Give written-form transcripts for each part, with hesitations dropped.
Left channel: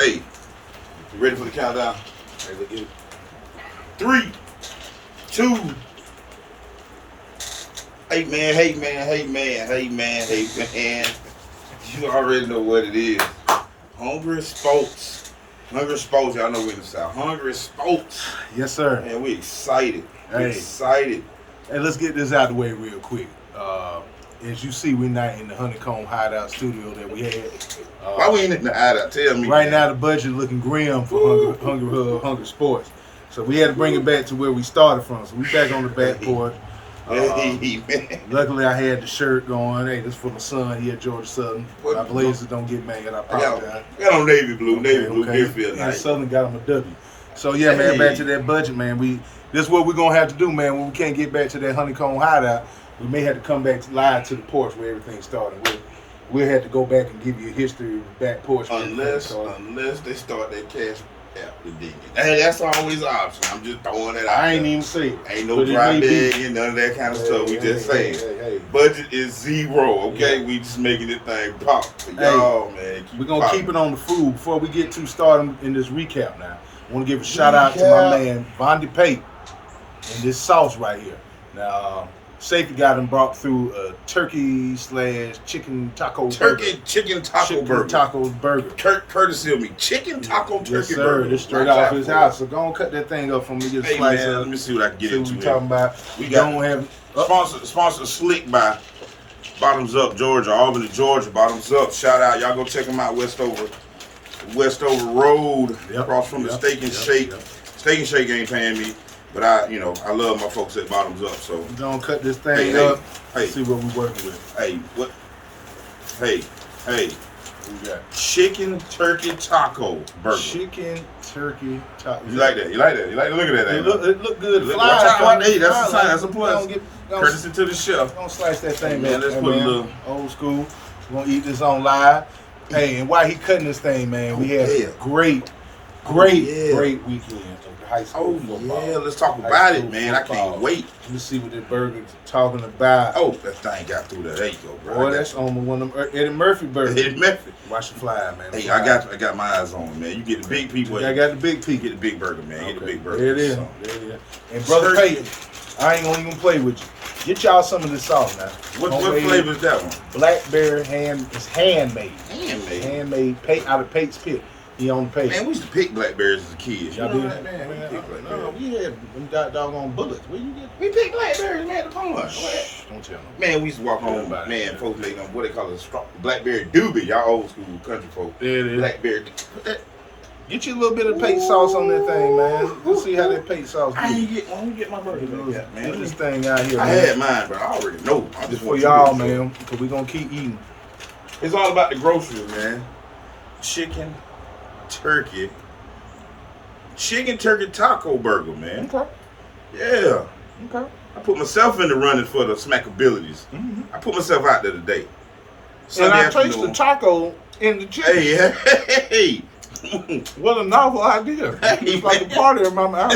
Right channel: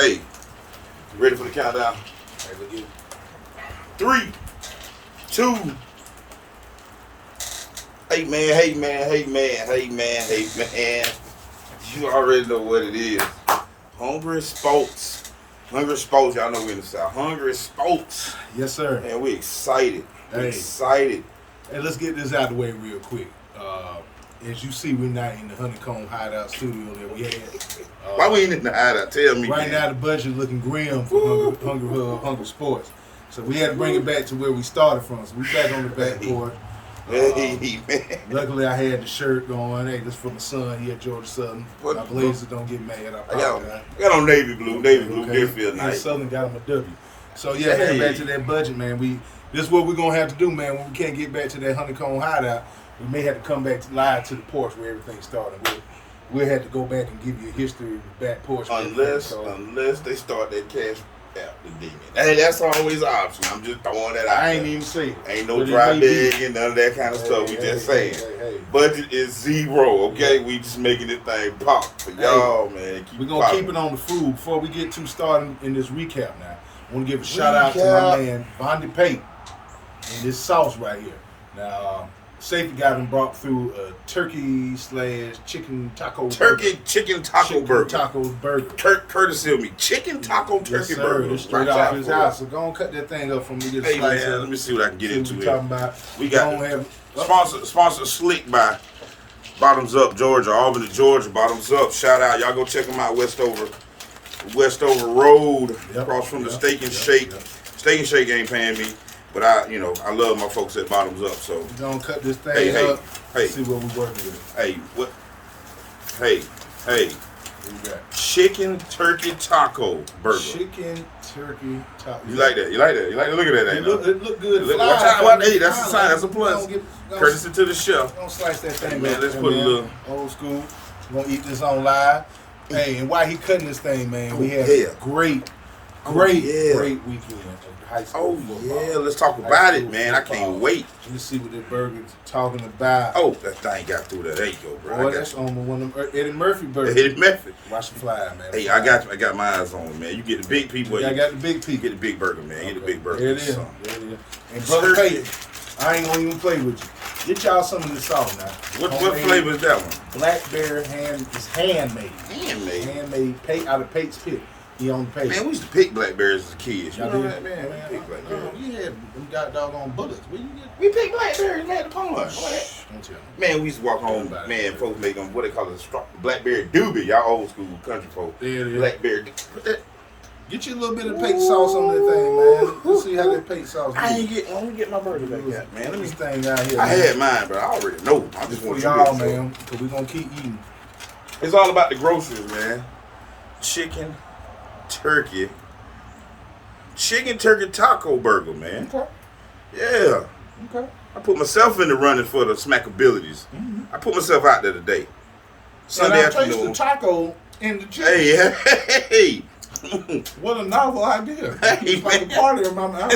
Hey, you ready for the countdown? Hey, look good. 3, 2. Hey man. You already know what it is. Hongrysports. Hongrysports, y'all know we in the South. Hongrysports. Yes, sir. Man, we excited. Hey. Excited. Hey, let's get this out of the way real quick. As you see, we're not in the Honeycomb Hideout studio that we had. Why we ain't in the hideout? Tell me. Right man. now, the budget looking grim for Hongrysports. So we had to bring it back to where we started from. So we back on the back porch. Hey, man. Luckily, I had the shirt on. Hey, this for my son. He at Georgia Southern. What? My Blazers don't get mad. I apologize. I got on navy blue. Navy blue. Okay. It feel And nice. Southern got him a W. So yeah, man, Hey. back to that budget, man. This is what we're gonna have to do, man. When we can't get back to that Honeycomb Hideout, we may have to come back live to the porch where everything started. We'll have to go back and give you a history of the back porch. Unless they start that cash out the demon. Hey, that's always an option. I'm just throwing that out. I ain't there. even say it. Ain't no But it dry may be. bag and none of that kind of stuff. We just hey, saying. hey. Budget is 0, okay? Yeah. We just making this thing pop for y'all, man. We're going to keep it on the food. Before we get too started in this recap now, I want to give a shout out to my man, Dougherty County, and this sauce right here. Now, Safety got him brought through a turkey/chicken taco burger. Chicken taco burger. Courtesy of me. Chicken taco turkey yes, sir. burger. It's straight off his house. So go and cut that thing up for me. Get a Hey, slice man, of. let me see what I can get See what into we here. talking about. We got sponsor Slick by Bottoms Up Georgia, Albany, Georgia. Bottoms Up. Shout out. Y'all go check them out. Westover Road, across from the Steak and Shake. Steak and Shake ain't paying me, but I love my folks at Bottoms Up. So we're gonna cut this thing up. See what we're working with. Hey. What we got? Chicken turkey taco burger. Chicken turkey taco. You like that? You like that? Look at that. It look good. Hey, that's a sign. That's a plus. Don't Courtesy to the chef. Don't slice that thing. Hey, man, up. let's put a little old school. We're gonna eat this on live. Hey, and while he cutting this thing, man, we had a great weekend of high school football. Yeah, let's talk about it, man. I can't wait. Let me see what this burger's talking about. Oh, that thing got through that. There you go, bro. Boy, that's on one of them Eddie Murphy burgers. Eddie Murphy. Watch the fly, man. Hey, I got my eyes on it, man. You get the big people. I got the big people. Get the big burger, man. Get the big burger. There it is. And Brother Peyton, I ain't gonna even play with you. Get y'all some of this sauce now. What flavor is that one? Blackberry it's handmade. Handmade out of Pate's Pit. He on the page. Man, we used to pick blackberries as kids. Y'all you know did? that, man? Man, We picked blackberries. we had them doggone bullets. Where you get? We picked blackberries, man, at the pond. Don't tell me. Man, we used to walk home, man, folks make them, what they call it, blackberry doobie. Y'all old school country folk. There it is. Blackberry. Get you a little bit of Pate sauce on that thing, man. Let's see how that Pate sauce I is. ain't get my burger like that, man. Get this thing out here, I man. had mine, but I already know. I just For want y'all, you to man, because we're going to keep eating. It's all about the groceries, man. Chicken turkey taco burger, man. Okay. Yeah. Okay. I put myself in the running for the smackabilities. Mm-hmm. I put myself out there today. And I taste the taco in the chicken. Hey. What a novel idea. It's like a party in my mouth.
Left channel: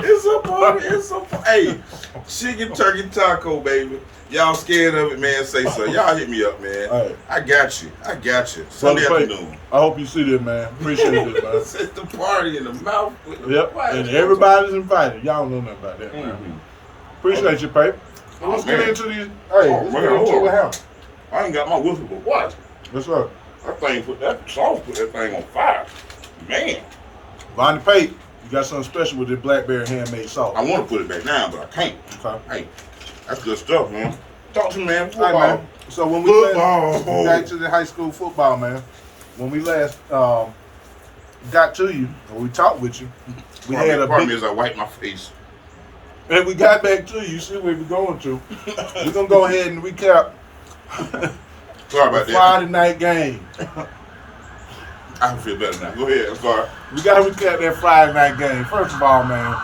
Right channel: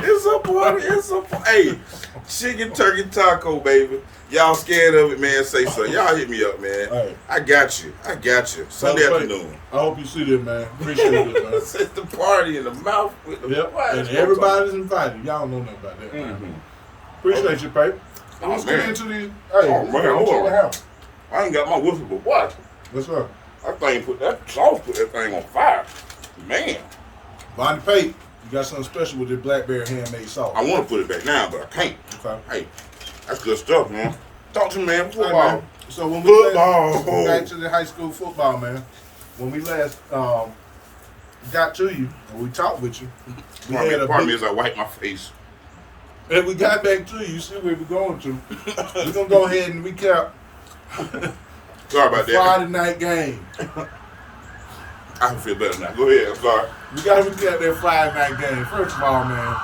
It's a party. Hey, chicken turkey taco, baby. Y'all scared of it, man? Say so. Y'all hit me up, man. All right. I got you. Sunday afternoon. I hope you see this, man. Appreciate it, man. It's the party in the mouth. Yep. And everybody's invited. Y'all don't know nothing about that, man. Mm-hmm. Appreciate you, Pape. Let's get into these. Hey, let's get into the house. I ain't got my whistle, but what? What's up? That thing put that thing on fire. Man. Bonnie Pape, you got something special with this blackberry handmade sauce. I want to put it back down, but I can't. Okay. Hey, that's good stuff, man. Talk to me, man. Football. All right, man. So when we back to the high school football, man. When we last got to you, or we talked with you, Pardon me as I wipe my face. And we got back to you. See where we're going to. We're gonna go ahead and recap. Sorry about that. Friday night game. I can feel better now. Go ahead. I'm sorry. We got to recap that Friday night game. First of all, man,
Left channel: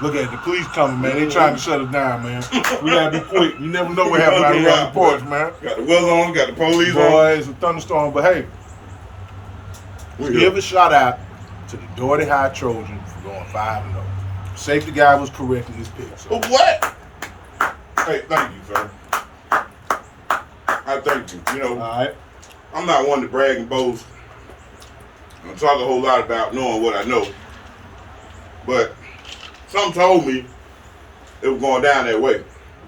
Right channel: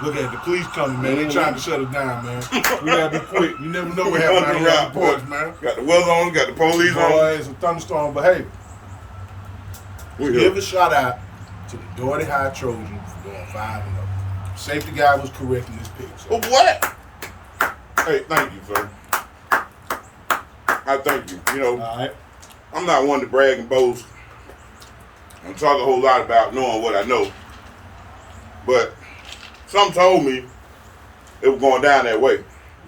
look at the police coming, man. They trying to shut us down, man. We gotta be quick. You never know what happened out here on the porch, man. Got the weather on, got the police on. Boy, it's a thunderstorm, but hey, give a shout out to the Dougherty High Trojans for going 5-0. Safety guy was correct in his pick. So. What? Hey, thank you, sir. I thank you. You know, All right. I'm not one to brag and boast. I don't talk a whole lot about knowing what I know. But something told me it was going down that way.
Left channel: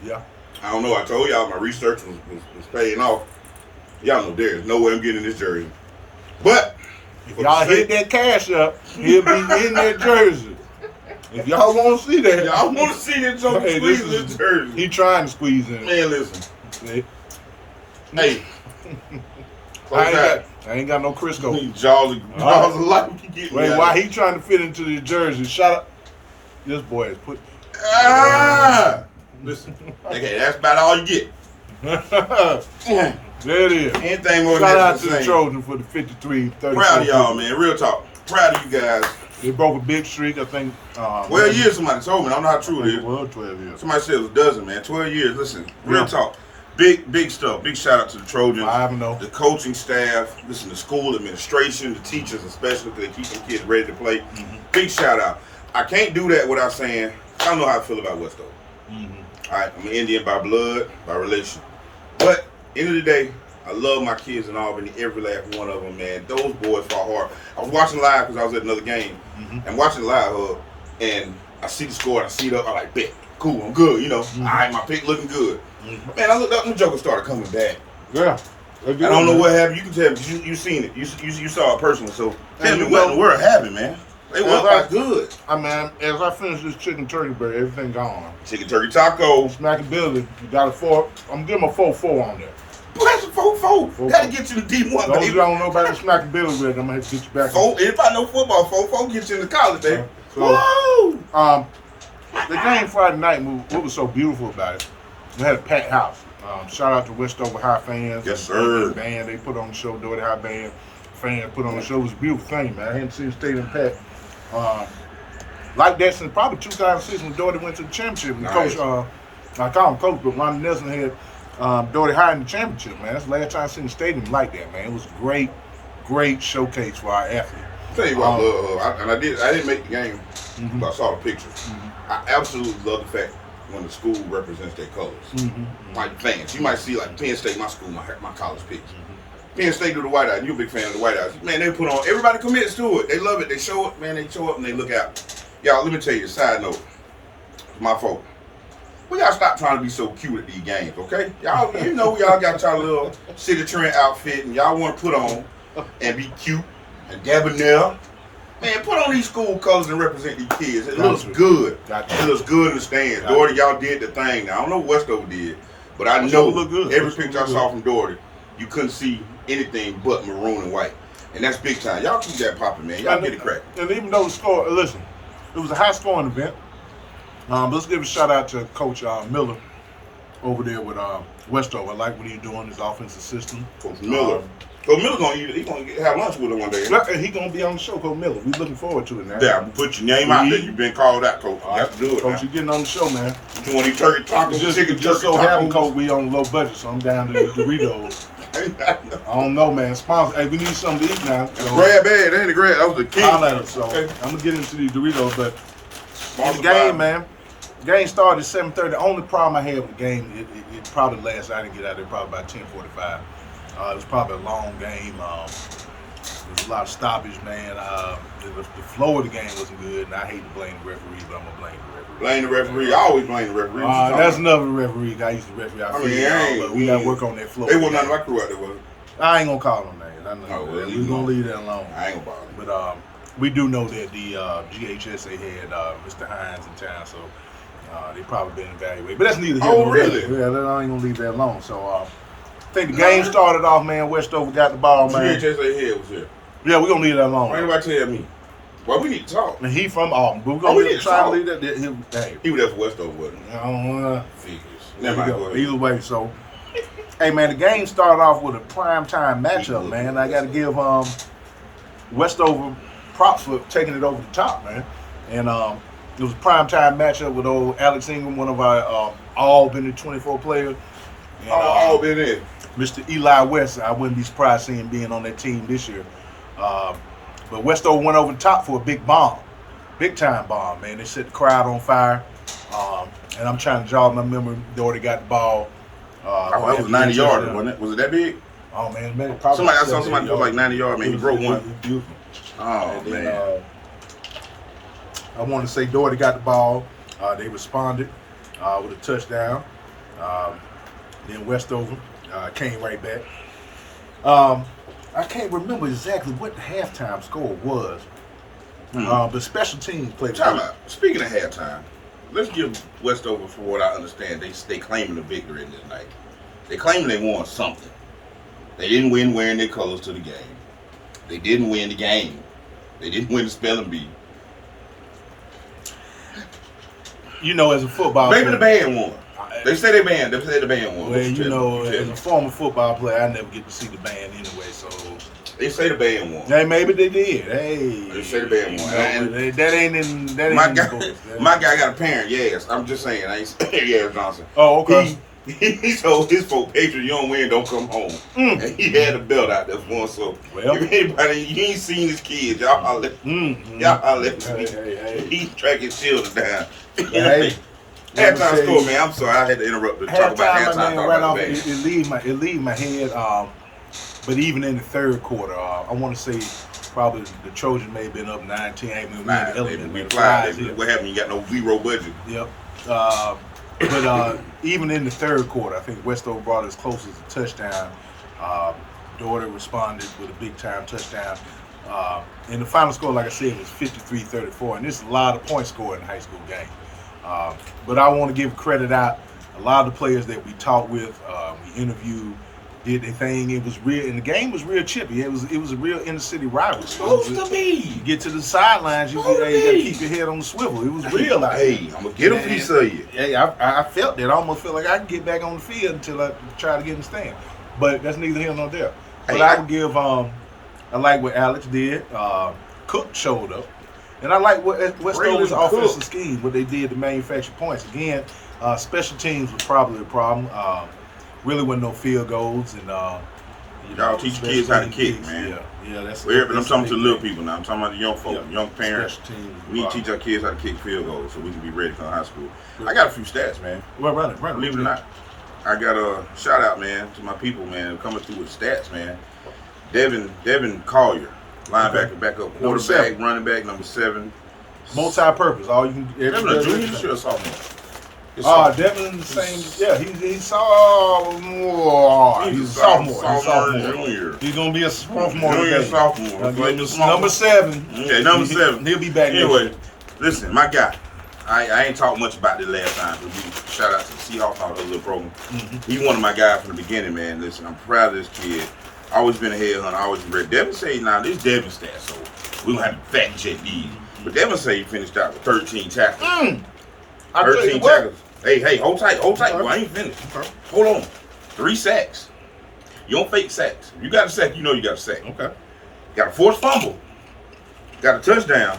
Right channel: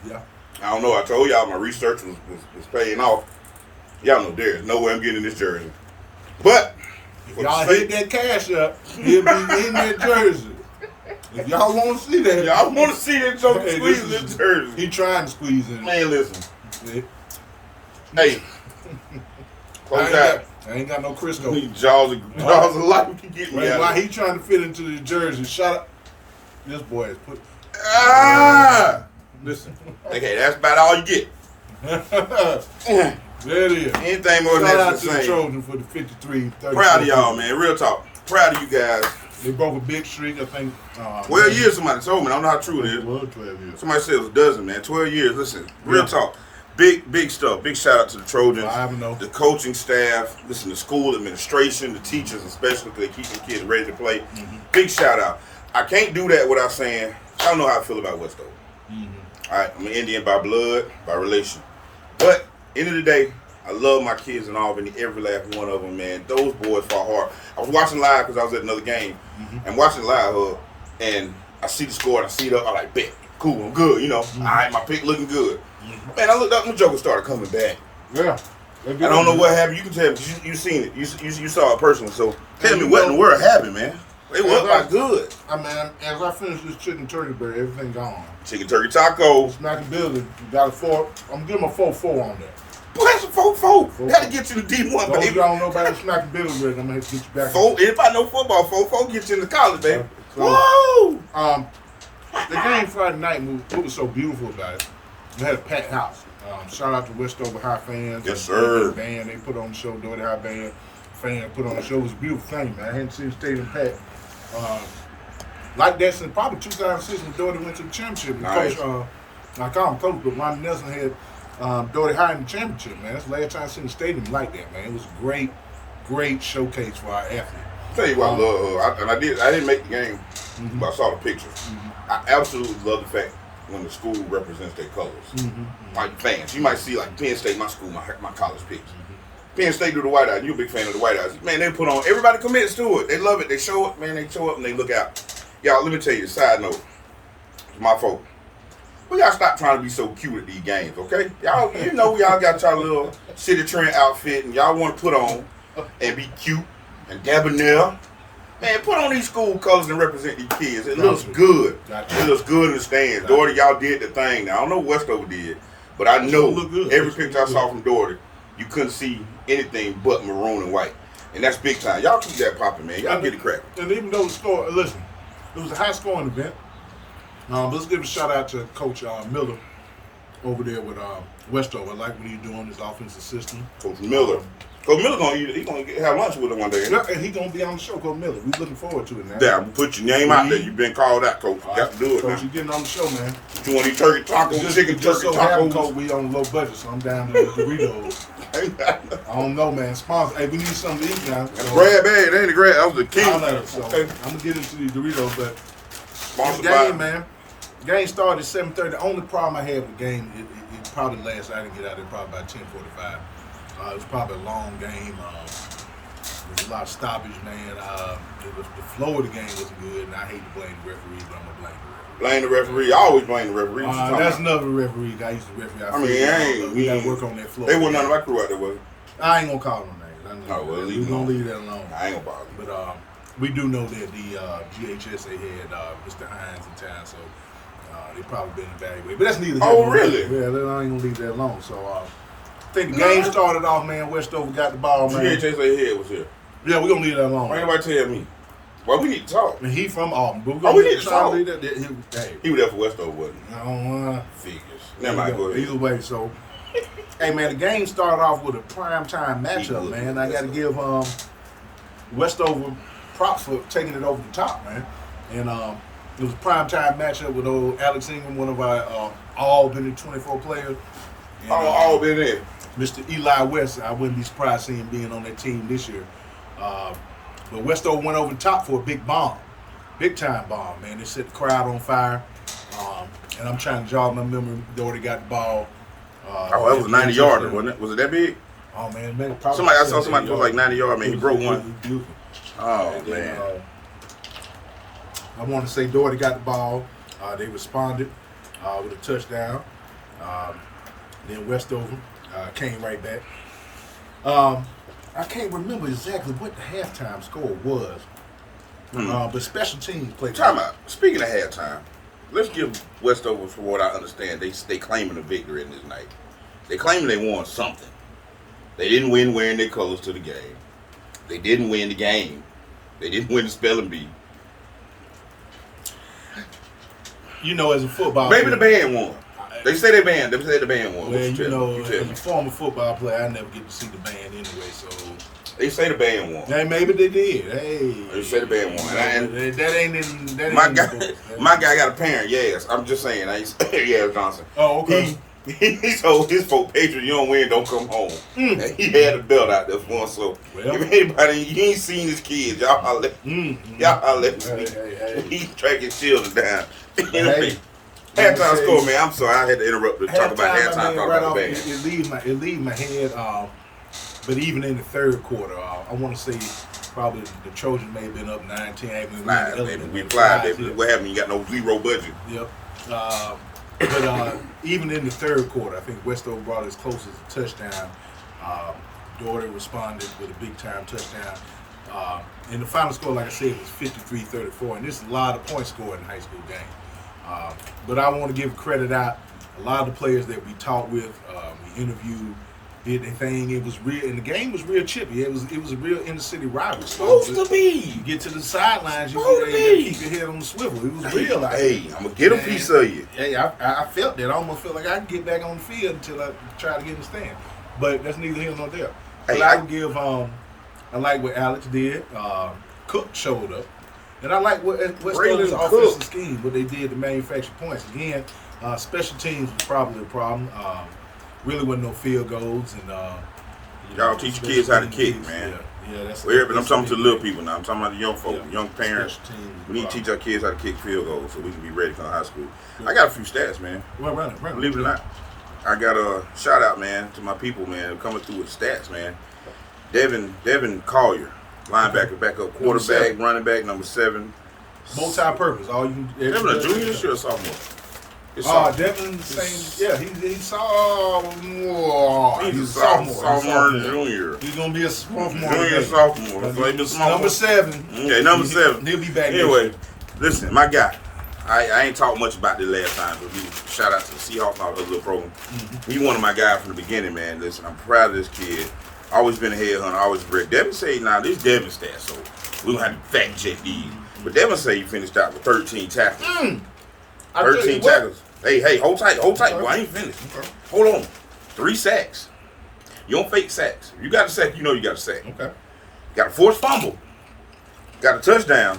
Yeah. I don't know. I told y'all my research was paying off. Y'all know there's no way I'm getting this jersey. But if y'all hit that cash up, he'll be in that jersey. If y'all want to see that, y'all want to see that joker squeeze this jersey. He trying to squeeze in. Man, listen. See? Hey. I ain't got no Crisco. Jaws of life. Wait, why he trying to fit into the jersey? Shut up. This boy is put. Listen. Okay, that's about all you get. There it is. Anything more than Shout that out to the Trojans for the 53-34. Proud of y'all, man. Real talk. Proud of you guys. They broke a big streak, I think. 12 years, somebody told me. I don't know how true it is. Well, 12 years. Somebody said it was a dozen, man. 12 years. Listen, real talk. Big stuff. Big shout out to the Trojans. The coaching staff. Listen, the school administration, the teachers especially, because they keep them kids ready to play. Mm-hmm. Big shout out. I can't do that without saying, I don't know how I feel about Westover. Mm-hmm. All right, I'm an Indian by blood, by relation. But, end of the day, I love my kids in Albany, every last one of them, man. Those boys fought hard. I was watching live because I was at another game. Mm-hmm. And watching live, and I see the score and I see it up. I'm like, bet. Cool, I'm good, you know. Mm-hmm. All right, my pick looking good. Mm-hmm. Man, I looked up when the Joker started coming back. Yeah. I don't know what happened. You can tell me. You seen it. You saw it personally. So tell me what in the world happened, man. They went like good. I mean, as I finish this chicken turkey burger, everything gone. Chicken turkey taco. Smacking Billy, you got a 4. I'm giving him a 4-4 on there. Boy, that's a 4-4. Gotta get you to D1, Those baby. Y'all don't know about the Smacking Billy with, I'm gonna have to get you back. 4. If I know football, 4-4 get you into college, baby. Woo! The game Friday night, what was so beautiful about it? We had a packed house. Shout out to Westover High fans. Yes, sir. The band they put on the show, Dougherty High band fans put on the show. It was a beautiful thing, man. I hadn't seen the stadium packed like that since probably 2006 when Dougherty went to the championship. Nice. Coach, I call him coach, but Ronnie Nelson had Dougherty High in the championship, man. That's the last time I seen the stadium like that, man. It was a great showcase for our athletes. Tell you what I love, and I didn't make the game, mm-hmm. but I saw the pictures. Mm-hmm. I absolutely love the fact when the school represents their colors. Mm-hmm. Like fans, you might see like Penn State, my school, my college picks. Mm-hmm. Penn State do the white eyes. You're a big fan of the white eyes. Man, they put on. Everybody commits to it. They love it. They show up, man. They show up and they look out. Y'all, let me tell you a side note. My folk. Well, y'all stop trying to be so cute at these games, okay? Y'all, you know, y'all got y'all little City Trend outfit and y'all want to put on and be cute and debonair. Man, put on these school colors and represent these kids. It looks good. It looks good in the stands. Dougherty, y'all did the thing. Now, I don't know what Westover did, but I know every picture I saw from Dougherty, you couldn't see anything but maroon and white. And that's big time. Y'all keep that popping, man. Y'all get it cracking. And even though the score, listen, it was a high-scoring event. Let's give a shout-out to Coach Miller over there with Westover. I like what he's doing, his offensive system. Coach Miller. Coach Miller gonna eat. He gonna have lunch with him one day. Yeah, he gonna be on the show, Coach Miller. We looking forward to it now. Yeah, put your name out there. You've been called out, Coach. You got to do it. Coach, you getting on the show, man. You want these turkey tacos, chicken just so tacos? happen, Coach, we on a low budget, so I'm down to the Doritos. I don't know, man. Sponsor. Hey, we need something to eat now. So. Grab bag. That ain't the grab. That was the king. So okay. I'm gonna get into these Doritos, but the game, man. The game started at 7:30. The only problem I had with the game, it probably lasted. I didn't get out there probably about 10:45. It was probably a long game. There was a lot of stoppage, man. The flow of the game wasn't good, and I hate to blame the referees, but I'm going to blame the referee. Blame the referee. I always blame the referee. That's another referee. I used to referee. We got to work on that flow. They wasn't none of my crew out there, was it? I ain't going to call them names. We're going to leave that alone. I ain't going to bother. But we do know that the GHSA had Mr. Hines in town, so they probably been evaluated. But that's neither here nor there. Really? Yeah, I ain't going to leave that alone. So, I think the game started off, man. Westover got the ball, man. GHSA head was here. Yeah, we're going to leave that alone. Why anybody tell me? Well, we need to talk. And he from Auburn. But we need to talk. Leave that. He was there for Westover, wasn't he? Figures. Never mind. Either way, so, hey, man, the game started off with a primetime matchup, man. I got to give Westover props for taking it over the top, man. And it was a primetime matchup with old Alex Ingram, one of our all-been 24 players. And, all been in. Mr. Eli West, I wouldn't be surprised seeing him being on that team this year. But Westover went over the top for a big bomb. Big-time bomb, man. They set the crowd on fire. And I'm trying to jog my memory. Dougherty got the ball Oh, that was 90 yards, wasn't it? Was it that big? Oh man, maybe probably. I saw somebody post like 90 yards, man. He broke one. Beautiful. Oh And man. then, I want to say Dougherty got the ball. They responded with a touchdown. Then Westover came right back. I can't remember exactly what the halftime score was. But special teams played. Time out. Speaking of halftime, let's give Westover, for what I understand, they claiming a victory in this night. They claim they won something. They didn't win wearing their colors to the game. They didn't win the game. They didn't win the spelling bee. You know, as a football Maybe player, the band won. They say the band won. Well, you know, as a former football player, I never get to see the band anyway, so. They say the band won. Hey, maybe they did. Hey. They say the band won. And that ain't in. That ain't my in guy, the books. my guy got a parent. Yes, I'm just saying. I ain't saying yes, Johnson. Oh, okay. He told his folk, Patriots, you don't win, don't come home. And he had a belt out there for him. So if anybody, you ain't seen his kids, y'all holler. Y'all holler. He's tracking children down. Hey. Halftime score, man. I'm sorry, I had to interrupt to talk about halftime. Man, right off, it leaves my head. But even in the third quarter, I want to say probably the Trojans may have been up 9-10. We fly. What happened? You got no zero budget. Yep. But even in the third quarter, I think Westover brought as close as a touchdown. Dougherty responded with a big-time touchdown. And the final score, like I said, was 53-34. And this is a lot of points scored in a high school game. But I want to give credit out. A lot of the players that we talked with, we interviewed, did their thing. It was real, and the game was real chippy. It was a real inner city rivalry. Supposed to be. You get to the sidelines, you gotta keep your head on the swivel. It was real out there. Hey, I'm gonna get a piece of you. Hey, I felt that. I almost felt like I could get back on the field until I try to get in the stand. But that's neither here nor there. But I would give. I like what Alex did. Cook showed up. And I like what Westover's offensive scheme, what they did to manufacture points. Again, special teams was probably a problem. Really wasn't no field goals. And y'all teach your kids how to kick, man. Yeah, that's. But I'm talking to the little people now. I'm talking about the young folk, young parents. We need to teach our kids how to kick field goals so we can be ready for high school. I got a few stats, man. Well, believe it or not, I got a shout out, man, to my people, man, coming through with the stats, man. Devin Collier. Linebacker, backup, quarterback, running back, number 7. Multi-purpose. All you can. Devin a junior this year or sophomore? Devin the same. Yeah, he's sophomore. He's a sophomore. Junior. He's gonna be a sophomore. Junior, sophomore. Number 7. Okay, number 7. He'll be back. Anyway, listen, my guy. I ain't talked much about this last time, but we shout out to the Seahawks and all the other little program. He's one of my guys from the beginning, man. Listen, I'm proud of this kid. Always been a headhunter, always read. Devin say now this Devin stats, so we're gonna have to fact check these. But Devin say he finished out with 13 tackles. 13 tackles. Hey, hold tight, boy. I ain't finished. Okay. Hold on. 3 sacks. You don't fake sacks. If you got a sack, you know you got a sack. Okay. Got a forced fumble. Got a touchdown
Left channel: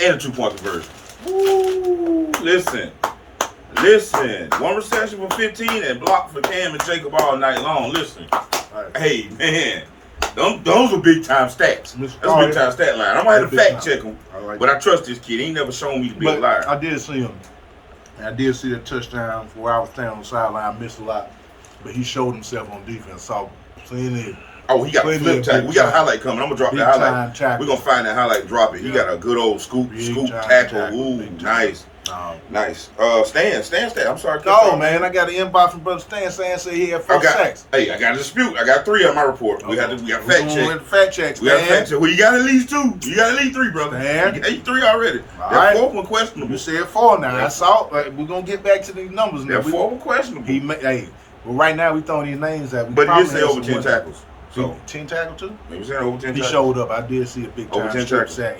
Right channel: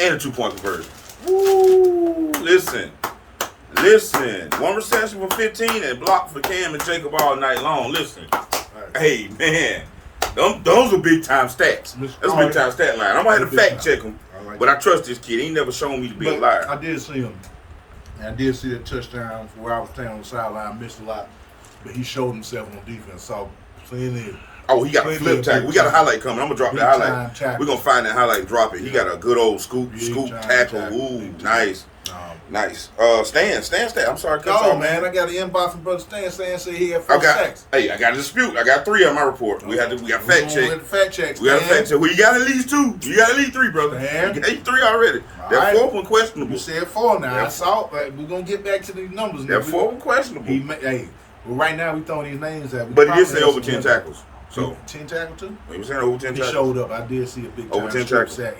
and a 2-point conversion. Woo! Listen. 1 reception for 15 and blocked for Cam and Jacob all night long. Listen. Hey, man, those are big time stats. That's a big time stat line. I'm gonna have to fact check him, but I trust this kid. He ain't never shown me to be a liar. I did see him, and I did see that touchdown where I was standing on the sideline. I missed a lot, but he showed himself on defense. Saw plenty. Oh, he got a flip tackle. We got a highlight coming. I'm gonna drop the highlight. We're gonna find that highlight and drop it. He got a good old scoop tackle. Ooh, nice. Nice. Stan. I'm sorry. Oh man, I got an inbox from Brother Stan saying he had 4 sacks. Hey, I got a dispute. I got 3 on my report. We got fact check. Fact check. We got fact check. Well, you got at least 2. You got at least 3, brother. Stan. You got 3 already. That 4th one questionable. You said 4 now. I saw. We're gonna get back to these numbers. That 4th one questionable. Well, right now we throwing these names out. But he did say over 10 tackles. So 10 tackles too. He was saying over 10 tackles. He showed up. I did see a big time over 10 tackles. Sack.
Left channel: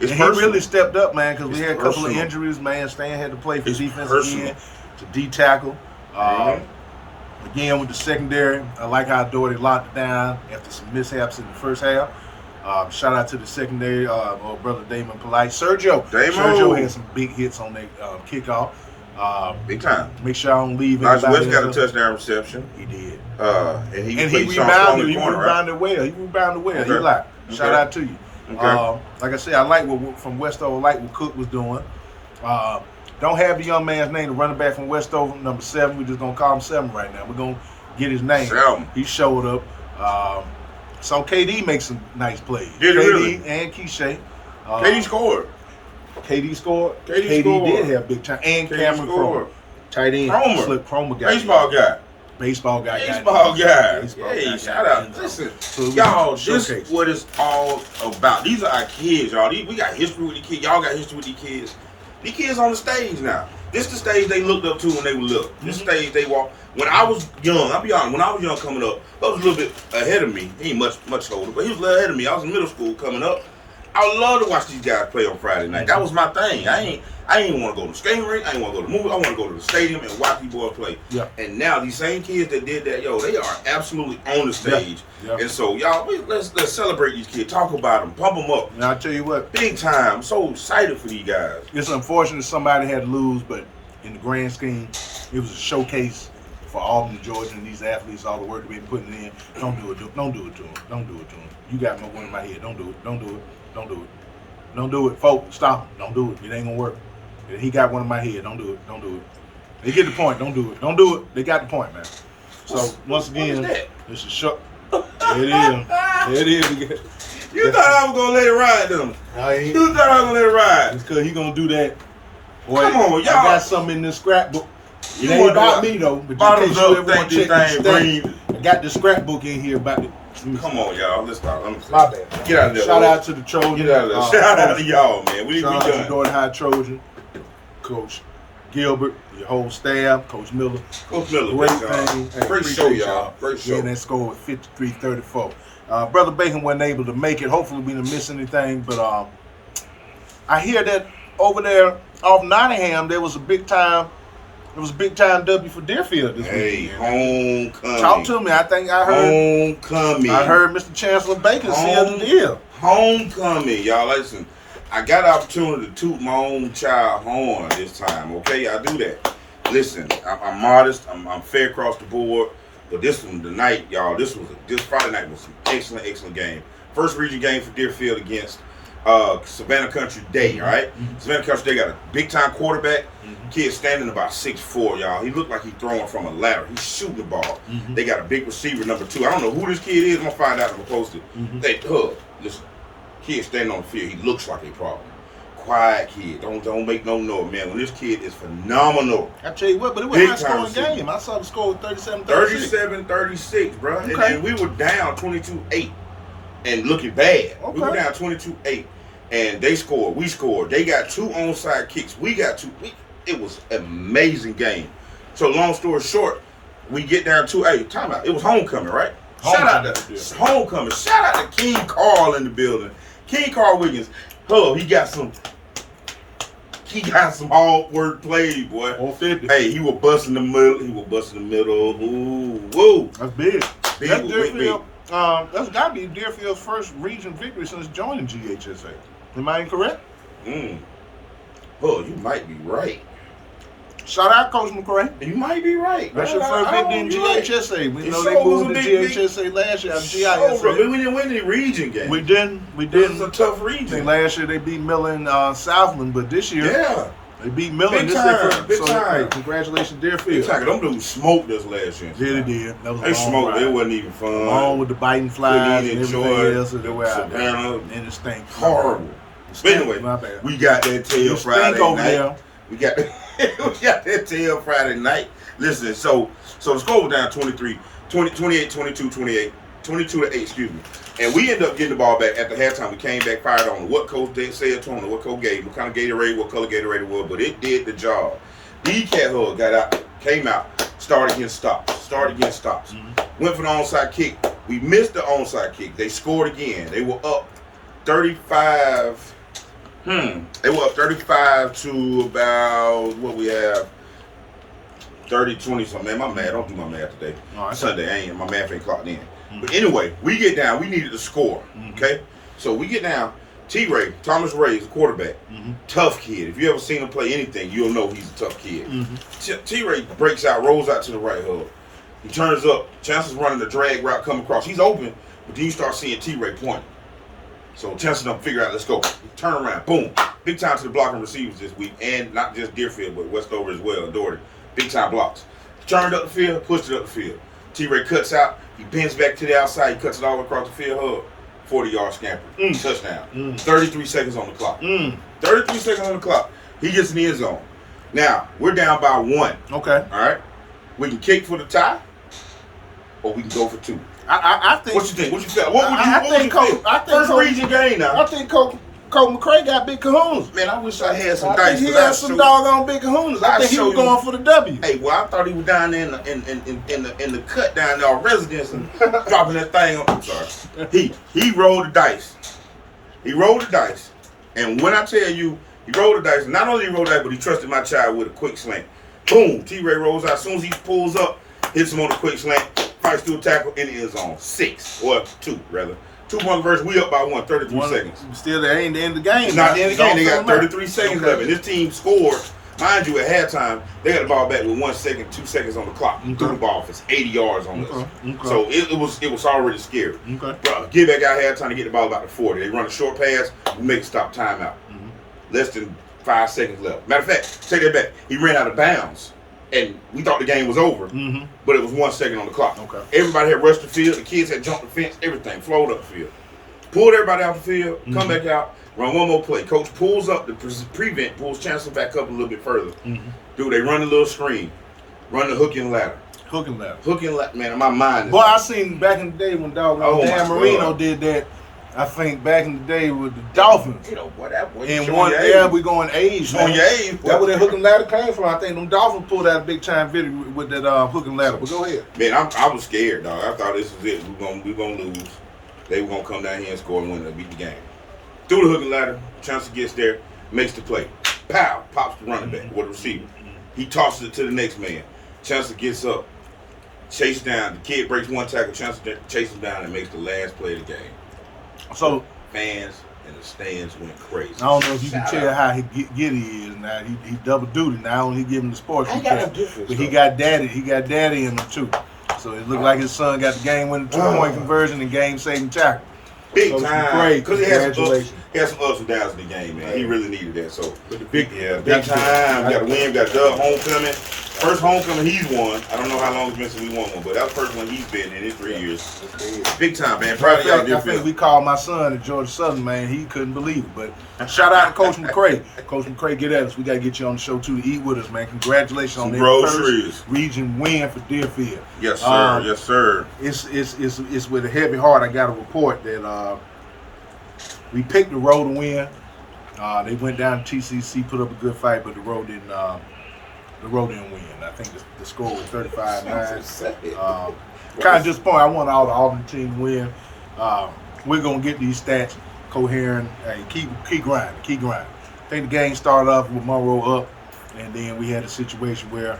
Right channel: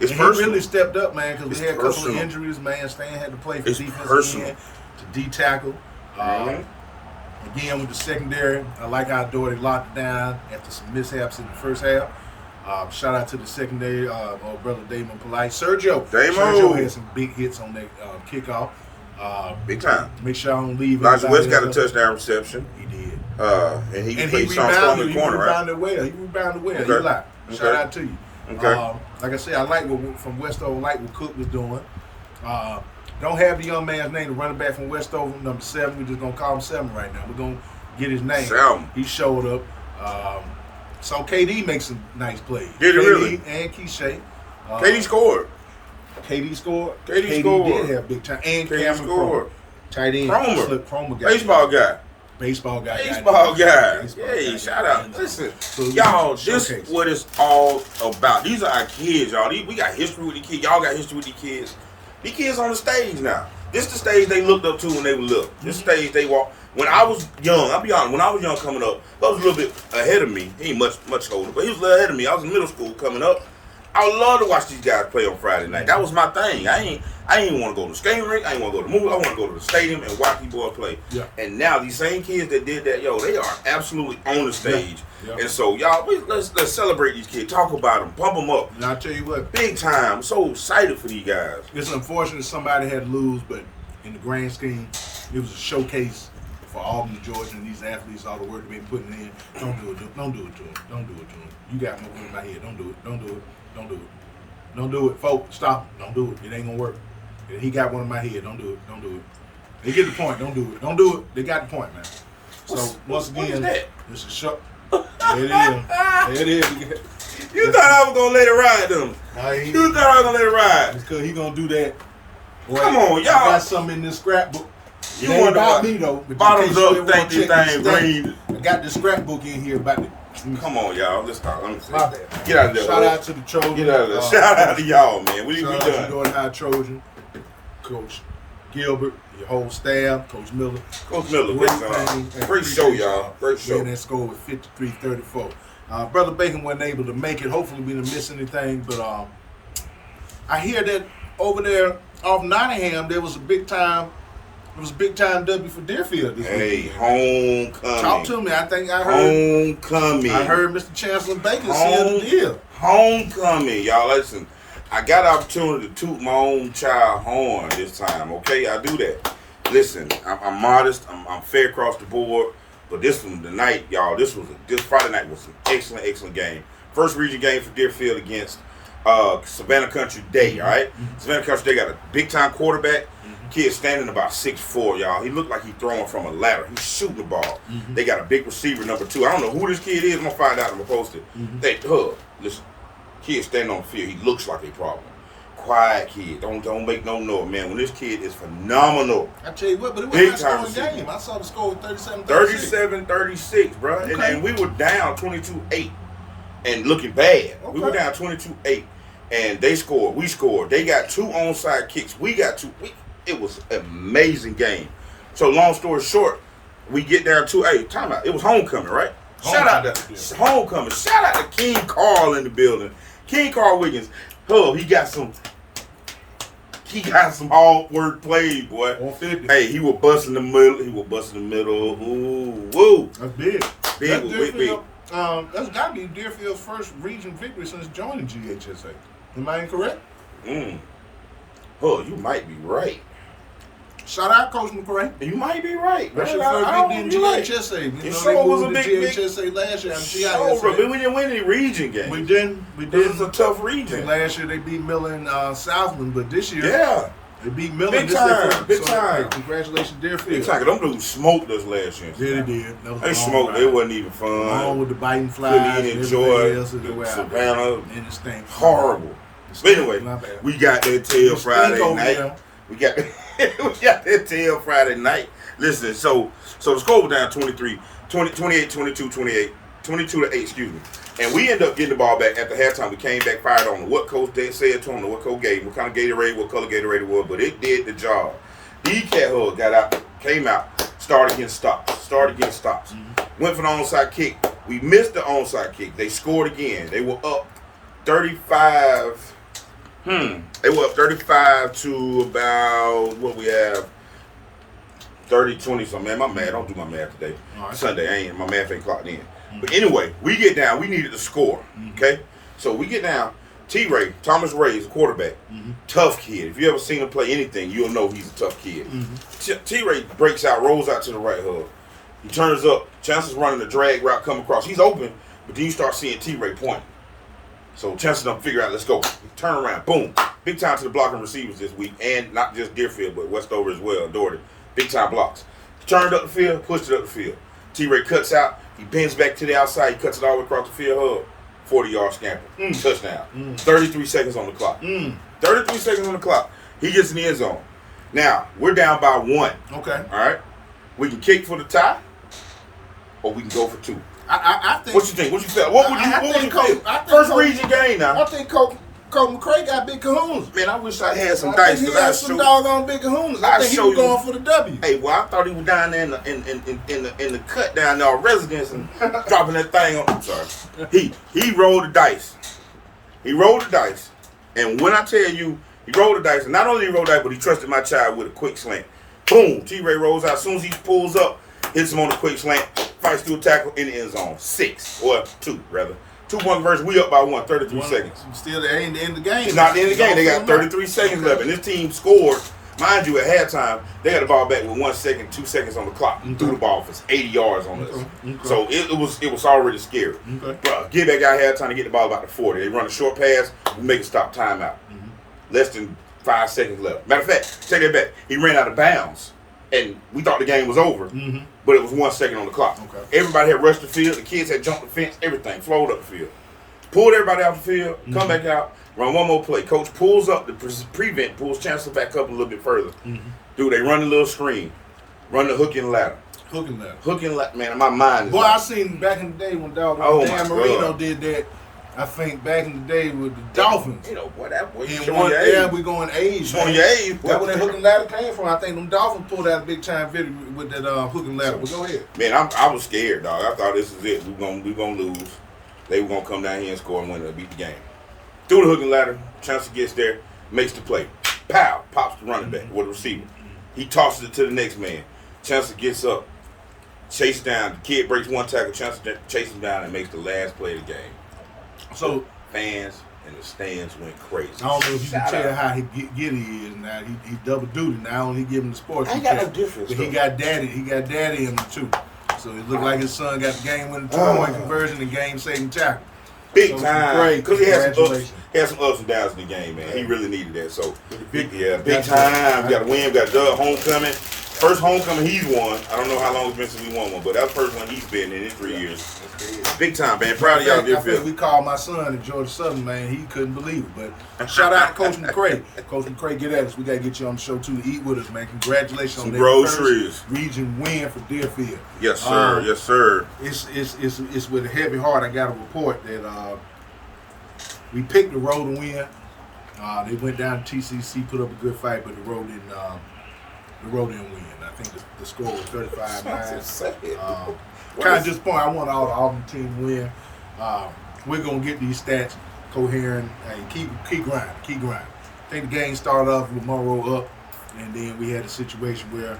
He really stepped up, man, because we had a couple of injuries, man. Stan had to play for defense again to D-tackle. Again, with the secondary, I like how Dougherty locked it down after some mishaps in the first half. Shout out to the secondary, old brother Damon Polite. Sergio had some big hits on that kickoff. Big time. Make sure I don't leave Elijah West got a touchdown reception. He did. And he rebounded. He rebounded well. He rebounded well. Okay. He like. Shout out to you. Okay. Like I said, I like what from Westover, like what Cook was doing. Don't have the young man's name, the running back from Westover, number 7. We're just going to call him 7 right now. We're going to get his name. 7. He showed up. So KD makes some nice plays. Did he really? And Keisha. KD scored. KD scored. KD scored. did have big time. And KD Cameron scored. Cromer. Tight end. Cromer got Baseball guy. Baseball guy. Hey, shout out. Listen, so y'all, this is what it's all about. These are our kids, y'all. We got history with the kids. Y'all got history with the kids. The kids on the stage now. This is the stage they looked up to when they were little. This stage they walked. When I was young, I'll be honest, when I was young coming up, I was a little bit ahead of me. He ain't much older, but he was a little ahead of me. I was in middle school coming up. I would love to watch these guys play on Friday night. That was my thing. I ain't want to go to the skating rink. I ain't want to go to the movie. I want to go to the stadium and watch these boys play. Yeah. And now these same kids that did that, they are absolutely on the stage. Yeah. And so y'all, let's celebrate these kids. Talk about them. Pump them up. And I'll tell you what. Big time. I'm so excited for these guys. It's unfortunate somebody had to lose, but in the grand scheme, it was a showcase for Albany, Georgia, and these athletes, all the work they've been putting in. Don't do it to them. Don't do it to them. Don't do it to them. You got no one in my head. Don't do it. Don't do it. Don't do it. Don't do it, folks. Stop. Don't do it. It ain't gonna work. He got one in my head. Don't do it. Don't do it. They get the point. Don't do it. Don't do it. They got the point, man. So once again, this is shut. There it is. There it is. You thought I was gonna let it ride, though. You thought I was gonna let it ride. It's because he gonna do that. Boy, come on, y'all. I got something in this scrapbook. It ain't about me though. But in case you ever want to check this thing, I got the scrapbook in here about it. Come on, y'all. Let's talk. My bad. Get out of there. Shout out to the Trojans. Get out of there. Shout out to y'all, man. We shout out done. to Dougherty High Trojan, Coach Gilbert, your whole staff, Coach Miller. Coach Miller, great thing. Great show, y'all. Great show. And that score was 53-34. Brother Bacon wasn't able to make it. Hopefully we didn't miss anything, but I hear that over there off Nottingham there was a big time. It was a big time W for Deerfield this weekend. Homecoming. Talk to me. I think I heard. Homecoming. I heard Mr. Chancellor Baker seal the deal. Homecoming, y'all. Listen, I got the opportunity to toot my own child horn this time. Okay, I do that. Listen, I'm modest. I'm fair across the board. But this one tonight, y'all. This Friday night was an excellent game. First region game for Deerfield against Savannah Country Day. All right, Savannah Country Day got a big time quarterback. Kid standing about 6'4", y'all. He looked like he's throwing from a ladder. He's shooting the ball. They got a big receiver, number 2. I don't know who this kid is. I'm going to find out and we'll post it. Listen, kid standing on the field. He looks like a problem. Quiet kid. Don't make no noise, man. When this kid is phenomenal. I tell you what, but it was a high-scoring game. I saw the score was 37-36. 37-36, bro. Okay. And we were down 22-8 and looking bad. Okay. We were down 22-8. And they scored. We scored. They got 2 onside kicks. We got 2. It was an amazing game. So long story short, we get down to timeout. It was homecoming, right? Shout out to homecoming. Shout out to King Carl in the building. King Carl Wiggins. He got some hard work played, boy. 150. Hey, he was busting the middle. Ooh, woo. That's big. Big. That's got to be Deerfield's first region victory since joining GHSA. Am I incorrect? You might be right. Shout out, Coach McCray. You might be right. That's your first victory in GHSA. We know they moved to GHSA last year. We didn't win any region games. We didn't. This is a tough region. Last year they beat Miller and Southland, but this year they beat Miller. Big time. Big time. Hey, congratulations, Deerfield. Big time. Them dudes smoked us last year. Yeah, they did. That was they smoked. It wasn't even fun. Along with the biting flies and everything else. Savannah. And it stank. Horrible. But anyway, we got that tail Friday night. We got that tail Friday night. Listen, so the score was down 28, 22, 28, 22-8, excuse me. And we ended up getting the ball back at the halftime. We came back, fired on what coach said to him, what coach gave, what kind of Gatorade, what color Gatorade it was, but it did the job. D-Cat Hug got out, came out, started getting stops. Went for the onside kick. We missed the onside kick. They scored again. They were up 35. They were up 35 to about what we have 30-20 something. Man, my math, don't do my math today. Sunday, my math ain't clocked in. But anyway, we get down. We needed to score. Okay, so we get down. Thomas Ray is a quarterback. Tough kid. If you ever seen him play anything, you'll know he's a tough kid. T-Ray breaks out, rolls out to the right hook. He turns up. Chancellor's running the drag route, come across. He's open, but then you start seeing T-Ray pointing. So Chancellor don't figure out, let's go. He turn around, boom. big time to the blocking receivers this week, and not just Deerfield, but Westover as well, and Dougherty. Big time blocks. Turned up the field, pushed it up the field. T-Ray cuts out, he bends back to the outside, he cuts it all the way across the field, 40-yard scamper, touchdown. 33 seconds on the clock. 33 seconds on the clock. He gets in the end zone. Now, we're down by 1. Okay. All right? We can kick for the tie, or we can go for 2. I think. What you think? What you feel? What would you feel? First region game now. I think Coach McCray got big kahunas. Man, I wish I had some I dice. think he had some doggone big kahunas. I think he was going for the W. Hey, well, I thought he was down there in the cut down there, our residence, and dropping that thing on. I'm sorry. He rolled the dice. He rolled the dice, and when I tell you he rolled the dice, and not only he rolled the dice, but he trusted my child with a quick slant. Boom! T-Ray rolls out. As soon as he pulls up, hits him on the quick slant, fights through a tackle in the end zone. 6 or 2 rather. 2-1 versus we up by 1, 33 seconds. Still, that ain't the end of the game. It's not the end of the game. They got 33 seconds left, and this team scored. Mind you, at halftime, they got the ball back with 1 second, 2 seconds on the clock. Threw the ball for 80 yards on us. So it was already scary. Bro, get back out halftime to get the ball about the 40. They run a short pass, we make a stop timeout. Less than 5 seconds left. Matter of fact, take that back. He ran out of bounds, and we thought the game was over, but it was 1 second on the clock. Everybody had rushed the field. The kids had jumped the fence. Everything flowed up the field. Pulled everybody off the field. Come back out. Run one more play. Coach pulls up the prevent, pulls Chancellor back up a little bit further. Dude, they run a little screen. Run the hook and ladder. Hook and ladder. Hook and ladder. Man, my mind is. Boy, I seen back in the day when Dan Marino did that. I think back in the day with the Dolphins. You know, what that was. And one, yeah, we going age. Showing your age. That's where that hook and ladder came from. I think them Dolphins pulled out a big time video with that hook and ladder. But go ahead. Man, I was scared, dog. I thought this was it. We gonna lose. They were gonna come down here and score and win and beat the game. Through the hook and ladder, Chancellor gets there, makes the play. Pow! Pops the running back with the receiver. He tosses it to the next man. Chancellor gets up, chases down. The kid breaks one tackle. Chancellor chases him down and makes the last play of the game. So fans in the stands went crazy. I don't know if you can tell how giddy he is now. He double duty now. Only he giving the sports. Ain't got no difference. But he got daddy. He got daddy in him too. So it looked like his son got the game-winning 2-point conversion and game-saving tackle. Big time. Because he had some ups and downs in the game, man. Right. He really needed that. So big time. We got a win. We got a dub. Homecoming. First homecoming he's won. I don't know how long it's been since we won one, but that's the first one he's been in 3 years. Big time, man. Proud of y'all. I think we called my son at Georgia Southern, man. He couldn't believe it. But shout out to Coach McCray. Coach McCray, get at us. We got to get you on the show, too, to eat with us, man. Congratulations on that first region win for Deerfield. Yes, sir. Yes, sir. It's with a heavy heart I got a report that we picked the road to win. They went down to TCC, put up a good fight, but the road didn't win. I think the score was 35-9. Kind of disappointed. I want all the Auburn team to win. We're going to get these stats coherent. Hey, keep grinding. I think the game started off with Monroe up, and then we had a situation where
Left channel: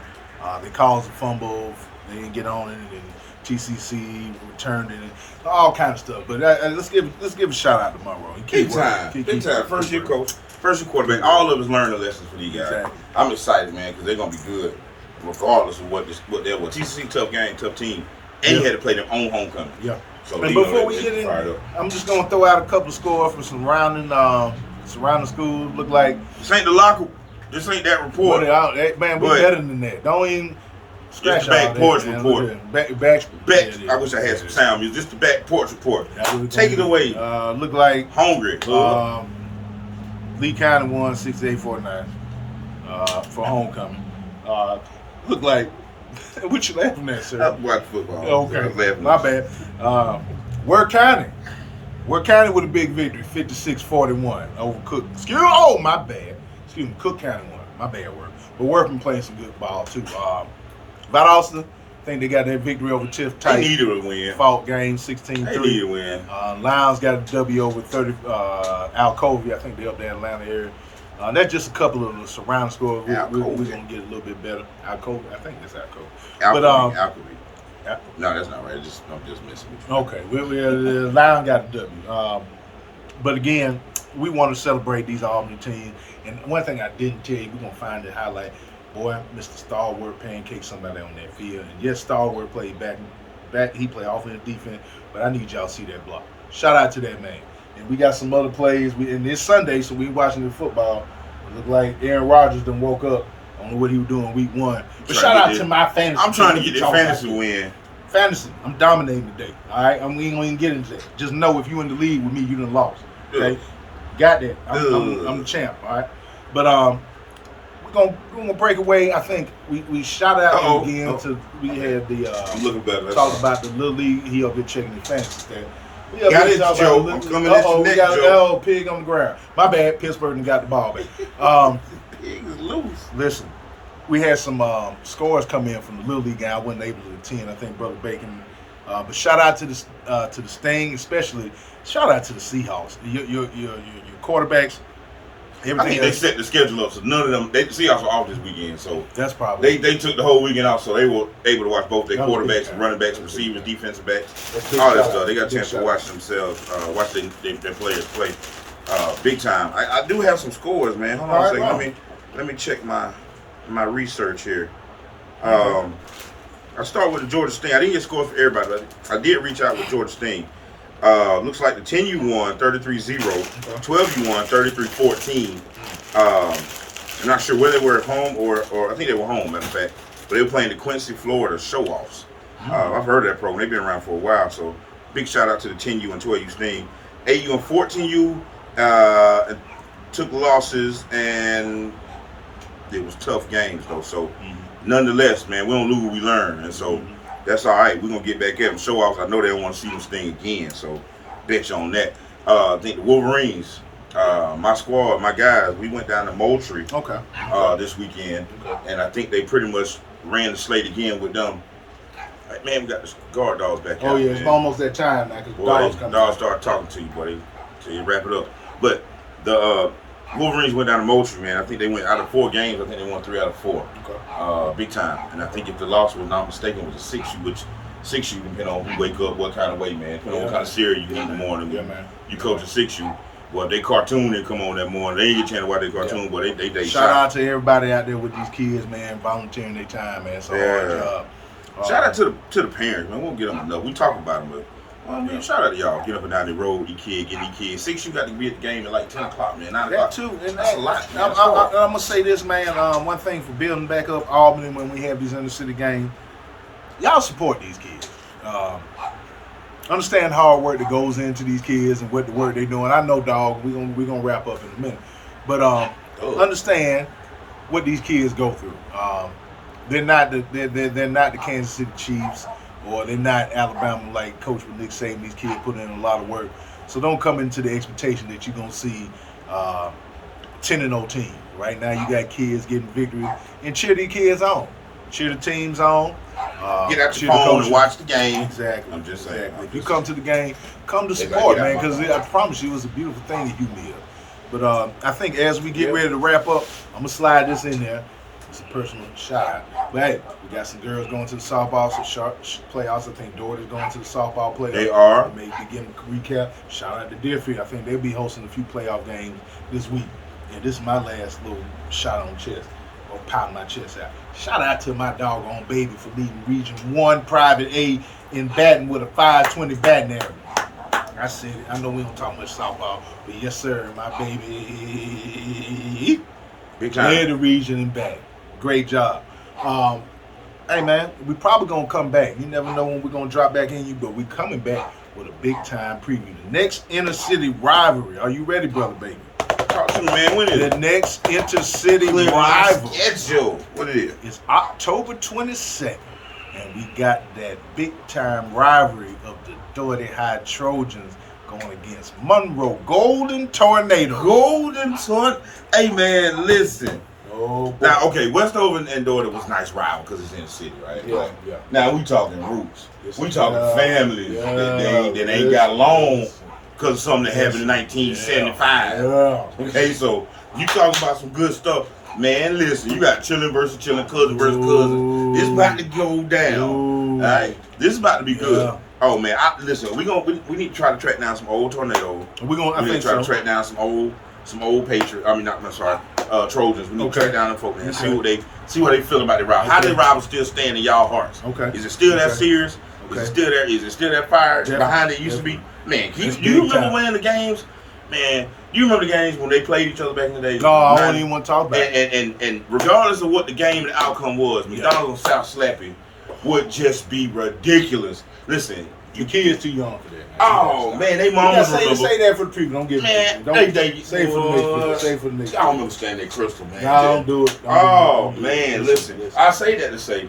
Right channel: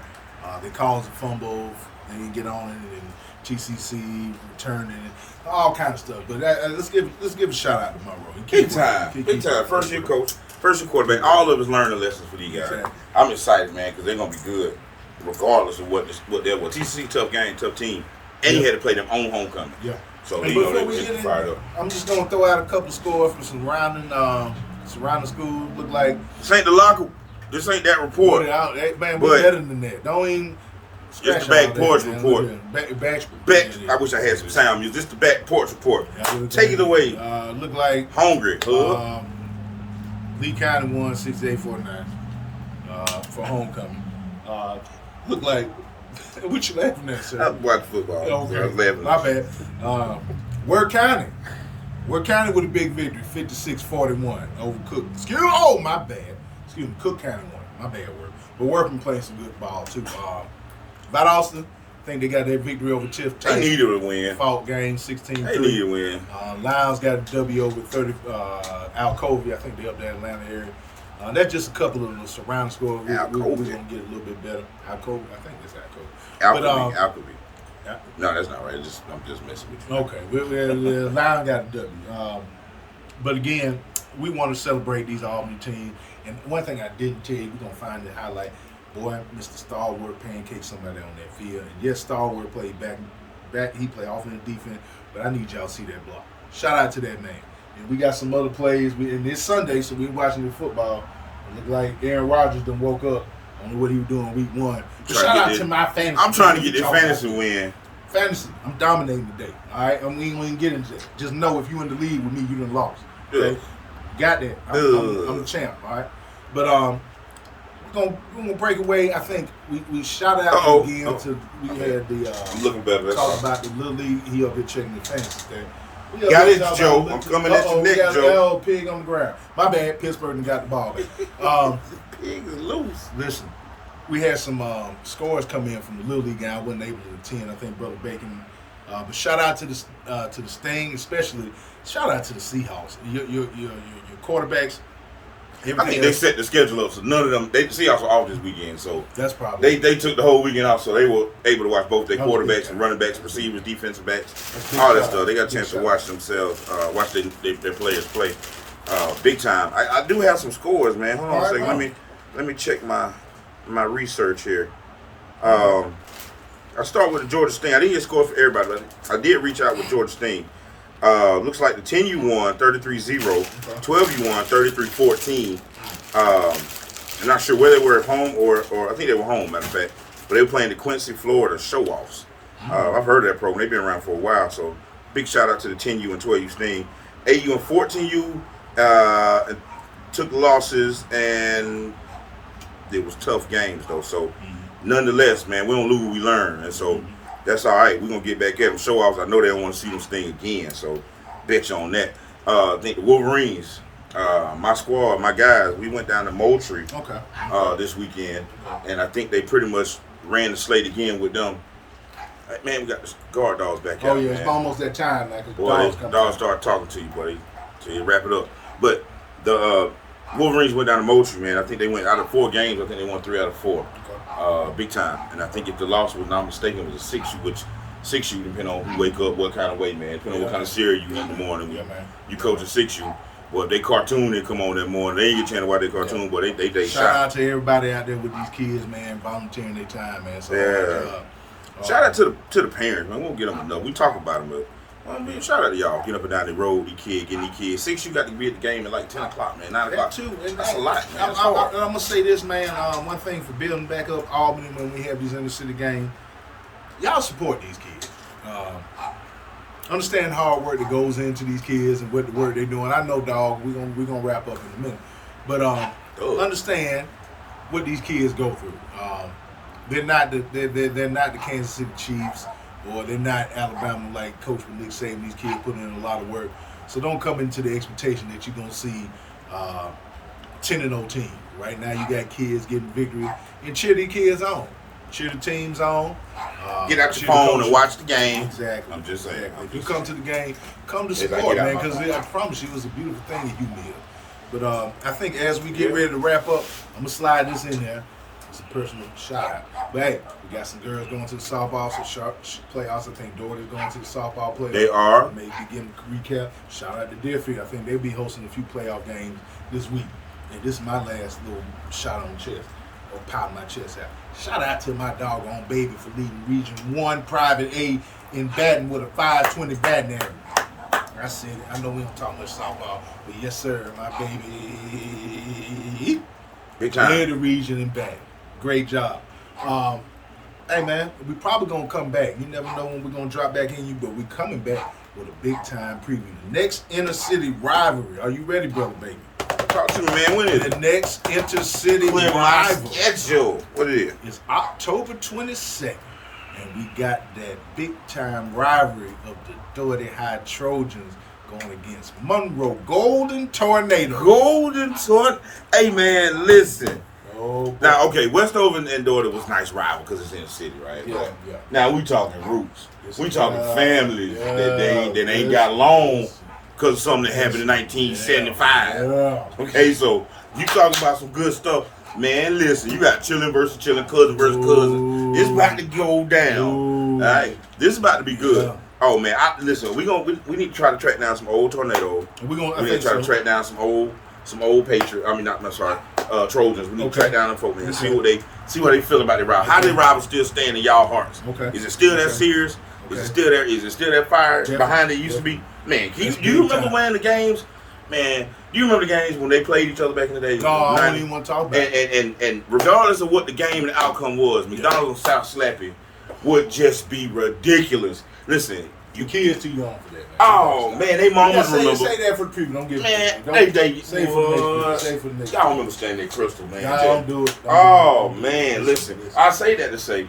they caused a fumble. They didn't get on it, and TCC returned it, all kind of stuff. But let's give a shout out to Monroe. Big time. First year coach. First year quarterback. All of us learning lessons for these guys. Exactly. I'm excited, man, because they're gonna be good, regardless of what they were. TCC tough game, tough team, and he had to play them on homecoming. Yeah. So and before we get in, I'm just gonna throw out a couple of scores from surrounding schools. Look like this ain't the locker. This ain't that report. Man, we're better than that. Don't even scratch the back porch report. I wish I had some sound music. Just the back porch report. Take it away. Look like hungry. Lee County won 68-49 for homecoming. Look like what you laughing at, sir? I watch football. Okay, my bad. Word County with a big victory, 56-41 over Cook. My bad. Excuse me, Cook County won. My bad word. But Workman playing some good ball too. Valdosta, I think they got that victory over Tiff Tyson. They needed a win. Fought game 16-3. They needed a win. Lions got a W over 30. Alcovey, I think they're up there in Atlanta area. That's just a couple of the surrounding scores. We're going to get a little bit better. Alcovey, I think it's Alcovey. Alcovey. No, that's not right. I'm just messing with you. Okay. The Lions got a W. But again, we want to celebrate these Albany teams. And one thing I didn't tell you, we're going to find the highlight. Boy, Mr. Stalwart pancaked somebody on that field. And yes, Stalwart played back. He played offense, defense. But I need y'all to see that block. Shout out to that man. And we got some other plays. And it's Sunday, so we watching the football. It look like Aaron Rodgers done woke up. I don't know what he was doing week 1. But shout out to my fantasy. I'm trying to get this fantasy win. Fantasy. I'm dominating today. All right? We ain't gonna get into that. Just know if you in the lead with me, you done lost. Okay? Got that. I'm the champ. All right? But we're gonna break away. I think we shout out again to we had the looking better. Talk about the Little League. He up here checking the fantasy stat. Got it, Joe. I'm coming at you next, Joe. Pig on the ground. My bad. Pittsburgh done got the ball back. Pig is loose. Listen, we had some scores come in from the Little League guy. I wasn't able to attend. I think Brother Bacon. But shout out to the Sting, especially. Shout out to the Seahawks. Your quarterbacks. I think they set the schedule up so none of them. The Seahawks are off this weekend, so that's probably they took the whole weekend off, so they were able to watch both their quarterbacks and running backs, receivers, defensive backs, all that stuff. They got a chance to watch themselves, watch their players play, big time. I do have some scores, man. Hold on a second. Let me check my research here. I start with the Georgia Sting. I didn't get scores for everybody, but I did reach out with Georgia Sting. Looks like the 10U won 33-0, 12U won 33-14. I'm not sure where they were at home or I think they were home, matter of fact. But they were playing the Quincy, Florida Show-Offs. I've heard of that program. They've been around for a while, so big shout out to the 10U and 12U Sting. 8U and 14U took losses, and it was tough games, though. So nonetheless, man, we don't lose, we learn. And so that's all right. We're going to get back at them. Show-offs, I know they don't want to see them Sting again, so bet you on that. I think the Wolverines, my squad, my guys, we went down to Moultrie this weekend, and I think they pretty much ran the slate again with them. Man, we got the guard dogs back out. It's almost that time now because dogs start talking to you, buddy, so you wrap it up. But the Wolverines went down to Moultrie, man. I think they went out of 4 games. I think they won 3 out of 4. Big time. And I think if the loss was not mistaken, was a 6U, which 6U, depending on who wake up, what kind of way, man. Depending on what kind of cereal you eat in the morning. You coach a 6U. Well, if they cartoon, they come on that morning. They ain't get a chance to watch their cartoon, but they shout out to everybody out there with these kids, man, volunteering their time, man. So hard job. Shout out to the parents, man. We won't get them enough. We talk about them, but shout out to y'all. Get up and down the road, these kids, getting these kids. 6U got to be at the game at like 10 o'clock, man. 9 o'clock. That too. That's a lot, man. I'm going to say this, man. One thing for building back up Albany when we have these inner-city games, y'all support these kids. Understand hard work that goes into these kids and what the work they're doing. I know, dog, we're gonna wrap up in a minute. But understand what these kids go through. They're not the Kansas City Chiefs, or they're not Alabama like Coach Nick Saban. These kids put in a lot of work. So don't come into the expectation that you're gonna see 10-0 team. Right now you got kids getting victory, and cheer these kids on. Cheer the teams on. Get out your phone and watch the game. Exactly. I'm just saying. If you come to the game, come to support, man, because I promise you it's a beautiful thing if you live. But I think as we get ready to wrap up, I'm going to slide this in there. It's a personal shout out. But hey, we got some girls going to the softball playoffs. I think Dougherty's going to the softball playoffs. They are. Maybe getting a recap. Shout out to Deerfield. I think they'll be hosting a few playoff games this week. And this is my last little shot on the chest, or popping my chest out. Shout out to my doggone baby for leading Region 1 Private A in batting with a 520 batting average. I said it. I know we don't talk much softball, but yes, sir, my baby. Big time. Led the region in batting. Great job. Hey, man, we probably going to come back. You never know when we're going to drop back in you, but we're coming back with a big-time preview. The next inner-city rivalry. Are you ready, brother, baby? Talk to me, man. When is the next intercity rivalry? Schedule. What it is? It's October 22nd, and we got that big-time rivalry of the Dougherty High Trojans going against Monroe Golden Tornado. Hey, man, listen. Oh, now, okay, Westover and Dougherty was nice rival because it's in the city, right? Yeah. Now we talking roots. We talking families that ain't got along because of something that happened in 1975. Okay, so you talking about some good stuff. Man, listen, you got chillin' versus chillin', cousin versus cousin. It's about to go down. All right? This is about to be good. Yeah. Oh, man, listen, we need to try to track down some old tornadoes. We need to try to track down some old Patriots. Trojans. We need to track down them folks and see what they feel about their rival. How their rivals still stand in y'all hearts. Okay. Is it still that serious? Is it still there? Is it still that fire behind it used to be? Man, do you remember when the games? Man, do you remember the games when they played each other back in the day? No, I don't even want to talk about it. And regardless of what the game and the outcome was, McDonald's on South Slappy would just be ridiculous. Listen, your kids too young for that. Man. Oh man, they mamas remember. Say that for the people. Don't give man. Don't say for the next. Say for the next. Y'all don't remember standing at Crystal, man. Y'all don't do it. Listen. I say that to say,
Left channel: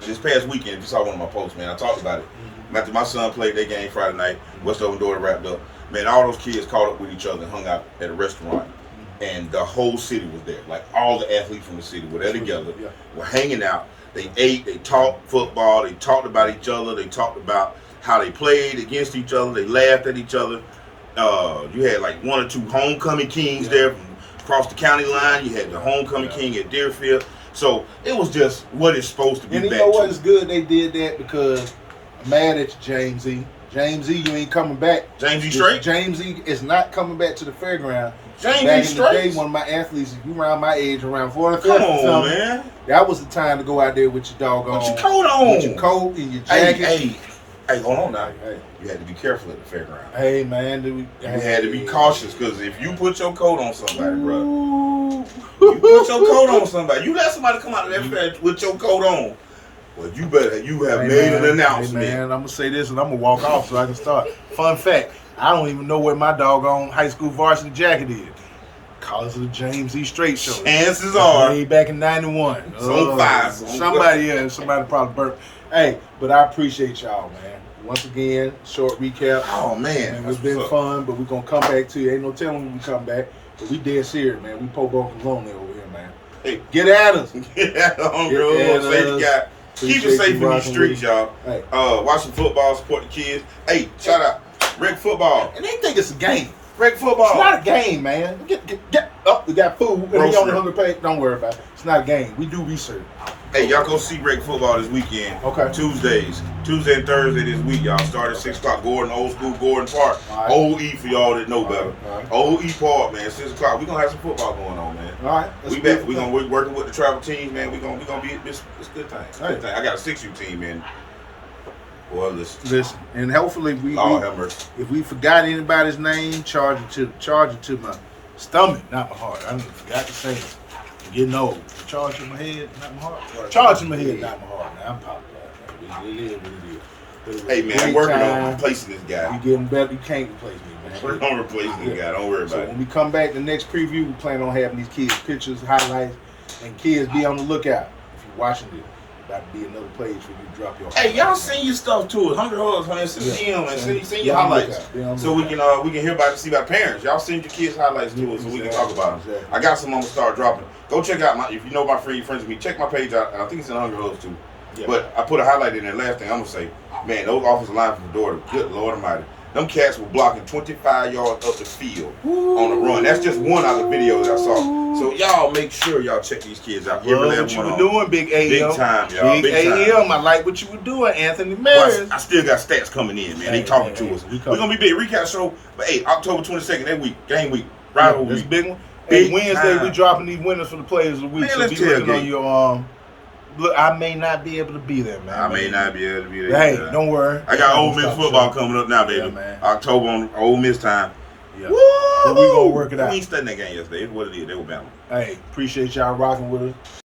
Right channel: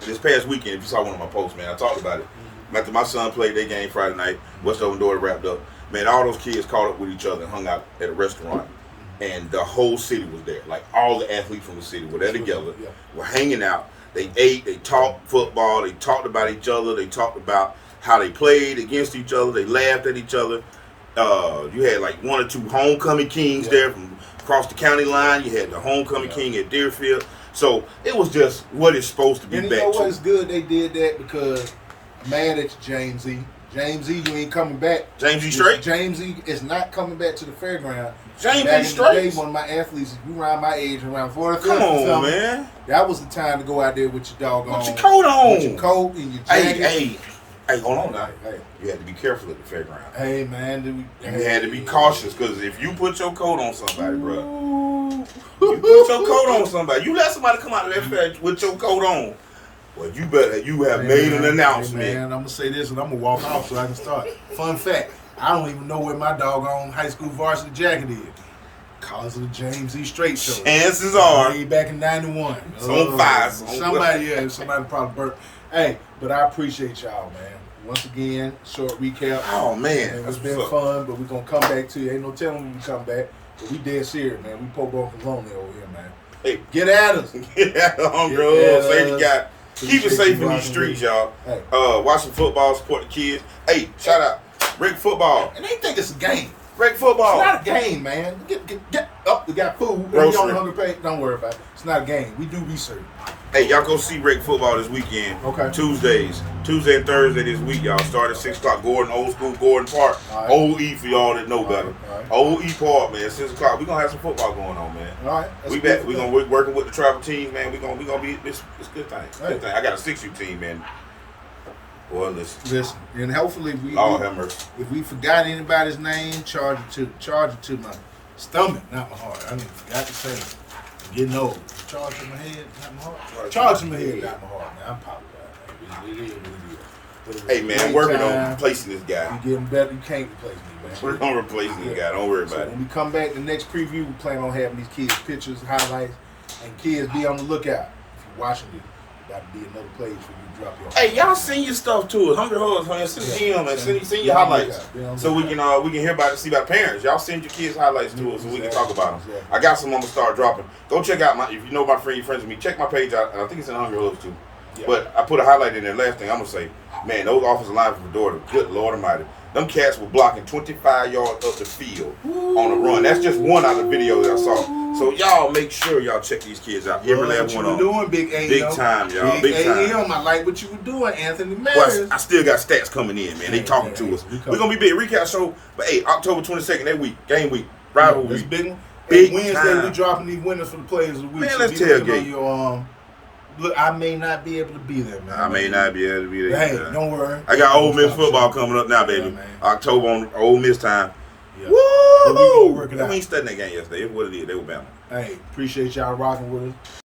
this past weekend, if you saw one of my posts, man, I talked about it. After my son played their game Friday night, Westover and Dougherty wrapped up. Man, all those kids caught up with each other and hung out at a restaurant. And the whole city was there. Like all the athletes from the city were there together. Were hanging out. They ate, they talked football, they talked about each other, they talked about how they played against each other, they laughed at each other. You had like one or two homecoming kings there from across the county line. You had the homecoming king at Deerfield. So it was just what it's supposed to be. And you know what? It's good they did that because I'm mad at you, James E. James E, you ain't coming back. James E straight? James E is not coming back to the fairground. James back E in straight? the day, one of my athletes, you around my age, around 40, come on, man. That was the time to go out there with your doggone. With your coat on. With your coat and your jacket. Hey, hold on now. Hey, you had to be careful at the fairground. Hey, man. You had to be cautious because if you put your coat on somebody, bro, you put your coat on somebody, you let somebody come out of that fair with your coat on. Well, you have made an announcement. Hey man, I'm going to say this and I'm going to walk off so I can start. Fun fact, I don't even know where my doggone high school varsity jacket is. Because of the James E. Straight show. Chances are. Way back in 91. It's on fire. Somebody probably burped. Hey, but I appreciate y'all, man. Once again, short recap. Oh, man. And it's been fun, but we're going to come back to you. Ain't no telling when we come back. But we dead serious, man. We Pope on Corona over here, man. Hey, get at us. Get at us, Hungry. Keep it safe in these streets, y'all. Hey. Watch some football, support the kids. Hey, shout out. Rick Football. And they think it's a game. Rick Football. It's not a game, man. Get up. We got food. And we on the hunger page. Don't worry about it. It's not a game. We do research. Hey, y'all go see Rick Football this weekend. Okay. Tuesday and Thursday this week, y'all. Start at 6 o'clock. Gordon, old school Gordon Park. Right. Old E for y'all that know better. Right. Old E Park, man. 6 o'clock. We're gonna have some football going on, man. All right. We back. We're gonna working with the travel team, man. We're gonna be it's a good thing. It's a good thing. I got a 6U team, man. Boy, listen. And hopefully if we forgot anybody's name, charge it to my stomach, not my heart. I forgot to say it. You know, charge to my head, not my heart. Charge to my head, not my heart. Man, I'm apologizing. It is what it is. Hey man, I'm working on replacing this guy. You getting better. You can't replace me, man. We're gonna replace this guy. Don't worry about it. When we come back, the next preview, we plan on having these kids pictures, highlights, and kids be on the lookout. If you're watching this, about to be another place for you to drop your. Hey, y'all send your stuff to us. Hungry Hugs, man. Send them and send your highlights so we can hear about it. See about parents. Y'all send your kids highlights to us so we can talk about them. I got some I'm gonna start dropping. Go check out if you know my friends with me. Check my page out, and I think it's in Hungry Hugs too. Yeah. But I put a highlight in there. Last thing I'm gonna say, man, those offensive line from Dougherty, good Lord Almighty. Them cats were blocking 25 yards up the field on a run. That's just one out of the video that I saw. So y'all make sure y'all check these kids out. What you were doing, Big AM. Big time, y'all. Big AM. I like what you were doing, Anthony Maris. Well, I still got stats coming in, man. They talking to us. We're gonna be big recap show. But hey, October 22nd, that week, game week, rival week. That's a big one. Hey, Wednesday we dropping these winners for the players of the week. Man, so let's be looking on your Look, I may not be able to be there, man. I may not be able to be there. Hey, don't worry. I got Ole Miss football coming up now, baby. Yeah, October on Ole Miss time. Yeah. Woo! But we gonna work it out. We ain't studying that game yesterday. It's what it is. They were Bama. Hey, appreciate y'all rocking with us.